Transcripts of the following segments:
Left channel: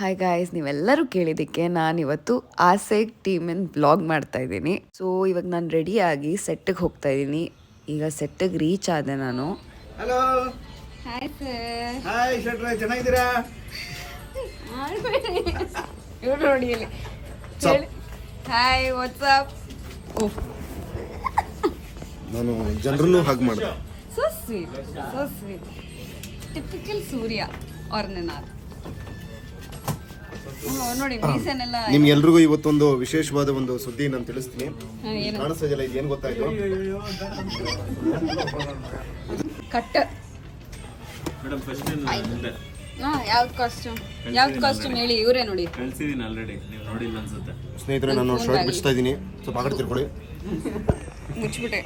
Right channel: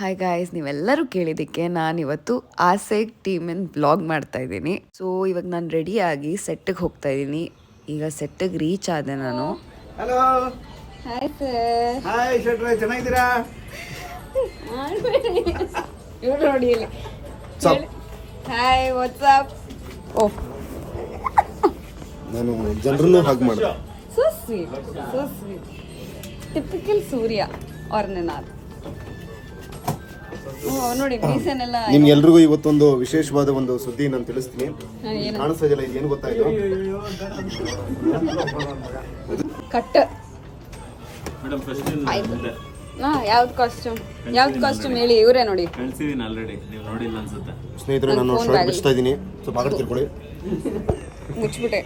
Hi guys, ನೀವೆಲ್ಲರೂ ಕೇಳಿದ್ದಕ್ಕೆ ನಾನಿವತ್ತು ಆಸೆ ಟೀಮಿನ ಬ್ಲಾಗ್ ಮಾಡ್ತಾ ಇದ್ದೀನಿ. ಸೊ ಇವಾಗ ನಾನು ರೆಡಿಯಾಗಿ ಸೆಟ್ಟಿಗೆ ಹೋಗ್ತಾ ಇದ್ದೀನಿ. ಈಗ ಸೆಟ್ಟಿಗೆ ರೀಚ್ ಆದೆ ನಾನು. Hello hi sir. ಹಾಯ್ ಶೆಟ್ರೆ, ಚೆನ್ನಾಗಿದ್ದೀರಾ? ಇವ್ರು ನೋಡಿ ಇಲ್ಲಿ. Hi, WhatsApp. ಓಹ್, ನಾನು ಜನರನ್ನು ಹಾಗೆ ಮಾಡಿದೆ. So sweet, so sweet. Typical Surya ಅವ್ರ ನೆನಾದ. ನೋಡಿ ಮೀಸೆನೆಲ್ಲ. ನಿಮ್ಗೆಲ್ರಿಗೂ ಇವತ್ತೊಂದು ವಿಶೇಷವಾದ ಒಂದು ಸುದ್ದಿ ನಾನು ತಿಳಿಸ್ತೀನಿ. ಕಾಣಿಸ್ತಾ ಇದೆಯಲ್ಲ, ಇದು ಏನು ಗೊತ್ತಾಯ್ತು? ಕಟ್. ಯಾವ್ದು ಕಾಸ್ಟ್ಯೂಮ್ ಹೇಳಿ. ಇವರೇ ನೋಡಿ, ಕಳ್ಸಿದೀನಿ ಆಲ್ರೆಡಿ, ನೀವು ನೋಡಿಲ್ಲ ಅನ್ಸುತ್ತೆ. ಸ್ನೇಹಿತರೆ, ನಾನು ಶರ್ಟ್ ಬಿಡಿಸ್ತಾ ಇದ್ದೀನಿ, ಸ್ವಲ್ಪ ಆಗಡೆ ತಿಳ್ಕೊಳ್ಳಿ. ಮುಚ್ಚಿಬಿಟ್ಟೆ.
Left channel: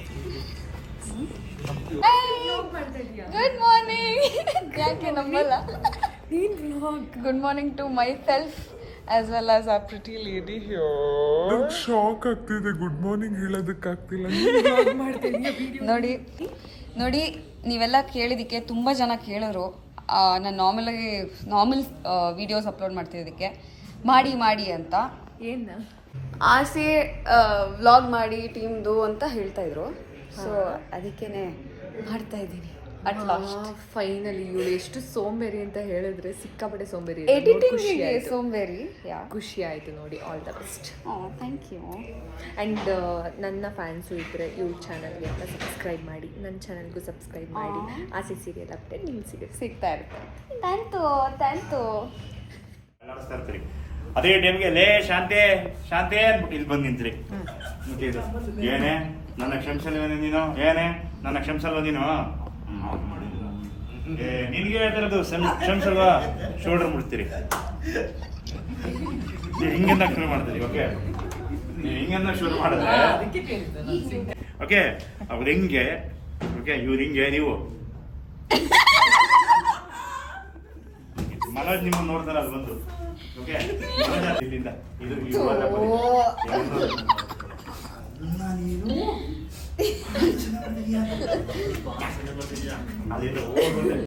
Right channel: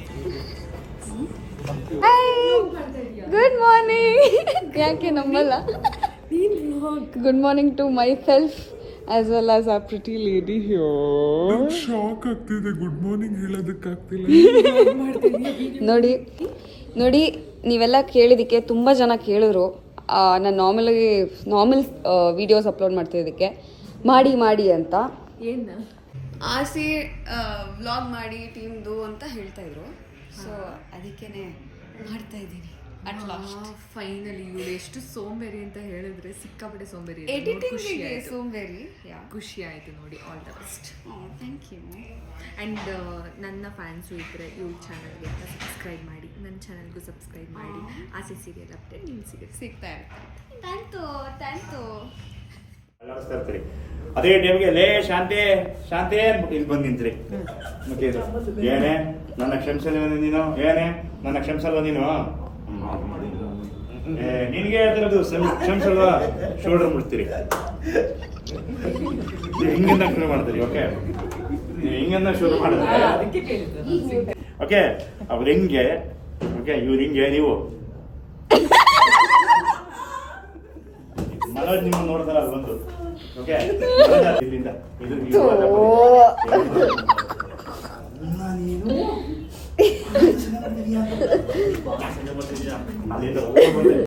Good morning. ಯಾಕೆ ನಮ್ಮಲ್ಲ good morning to myself as well as our pretty lady here. ನಂಗೆ ಶಾಕ್ ಆಗ್ತಿದೆ, ಗುಡ್ ಮಾರ್ನಿಂಗ್ ಹೇಳೋದಕ್ಕಾಗ್ತಿಲ್ಲ. ಬ್ಲಾಗ್ ಮಾಡ್ತಾ ಇದೀಯ ವಿಡಿಯೋ ನೋಡಿ ನೀವೆಲ್ಲ ಕೇಳಿದಕ್ಕೆ ತುಂಬ ಜನ ಕೇಳಿದ್ರು. ನಾನು ನಾರ್ಮಲ್ ವಿಡಿಯೋಸ್ ಅಪ್ಲೋಡ್ ಮಾಡ್ತಿದ್ದಕ್ಕೆ ಮಾಡಿ ಅಂತ ಏನು ಆಸೆ ವ್ಲಾಗ್ ಮಾಡಿ ಟೀಮ್ದು ಅಂತ ಹೇಳ್ತಾ ಇದ್ರು. ಸೊ ಅದಕ್ಕೇನೆ ಮಾಡ್ತಾ ಇದ್ದೀನಿ. ಫೈನಲಿ ಇವಳು ಎಷ್ಟು ಸೋಂಬೇರಿ ಅಂತ ಹೇಳಿದ್ರೆ ಸಿಕ್ಕಾಪಟ್ಟೆ ಸೋಂಬೇರಿ. ಖುಷಿ ಆಯ್ತು ನೋಡಿ. All the best. Thank you. And ನನ್ನ ಫ್ಯಾನ್ಸು ಇದ್ದರೆ ಇವ್ರ ಚಾನಲ್ಗೆ ಸಬ್ಸ್ಕ್ರೈಬ್ ಮಾಡಿ, ನನ್ನ ಚಾನಲ್ಗೂ ಸಬ್ಸ್ಕ್ರೈಬ್ ಮಾಡಿ. ಆಸೆ ಸೀರಿಯಲ್ ಅಪ್ಡೇಟ್ ನಿಮ್ಗೆ ಸಿಗ್ತಾ ಇರುತ್ತೆ. Thank you. ಅದೇ ಟೈಮ್ಗೆ ಲೇ ಶಾಂತಿ ಶಾಂತಿ ಅಂದ್ಬಿಟ್ಟು ಇಲ್ಲಿ ಬಂದು ನಿಂತ್ರಿ. ಏನೇ ನನ್ನ ಕ್ಷಮಿಸಲ್ವ ನೀನು? ಏನೇ ನನ್ನ ಕ್ಷಮಿಸಲ್ವ ನೀನು? ನಿನ್ಗೆ ಹೇಳ್ತಿರೋದು ಕ್ಷಮಿಸಲ್ವ? ಶೋಲ್ಡರ್ ಮುಡ್ತೀರಿ, ಹಿಂಗೆಂದ ಶುರು ಮಾಡ್ತೀರಿ. ಓಕೆ, ಹಿಂಗೆಂದ ಶುರು ಮಾಡಿದ್ರೆ ಓಕೆ, ಅವ್ರು ಹೆಂಗೆ, ಓಕೆ ಇವ್ರು ಹಿಂಗೆ, ನೀವು ಮನೋಜ್ ನಿಮ್ಮ ನೋಡ್ತಾರ ಅದು ಬಂದು. ಓಕೆ, ಇಲ್ಲಿಂದ ಇದು ಅಲ್ಲಿಂದ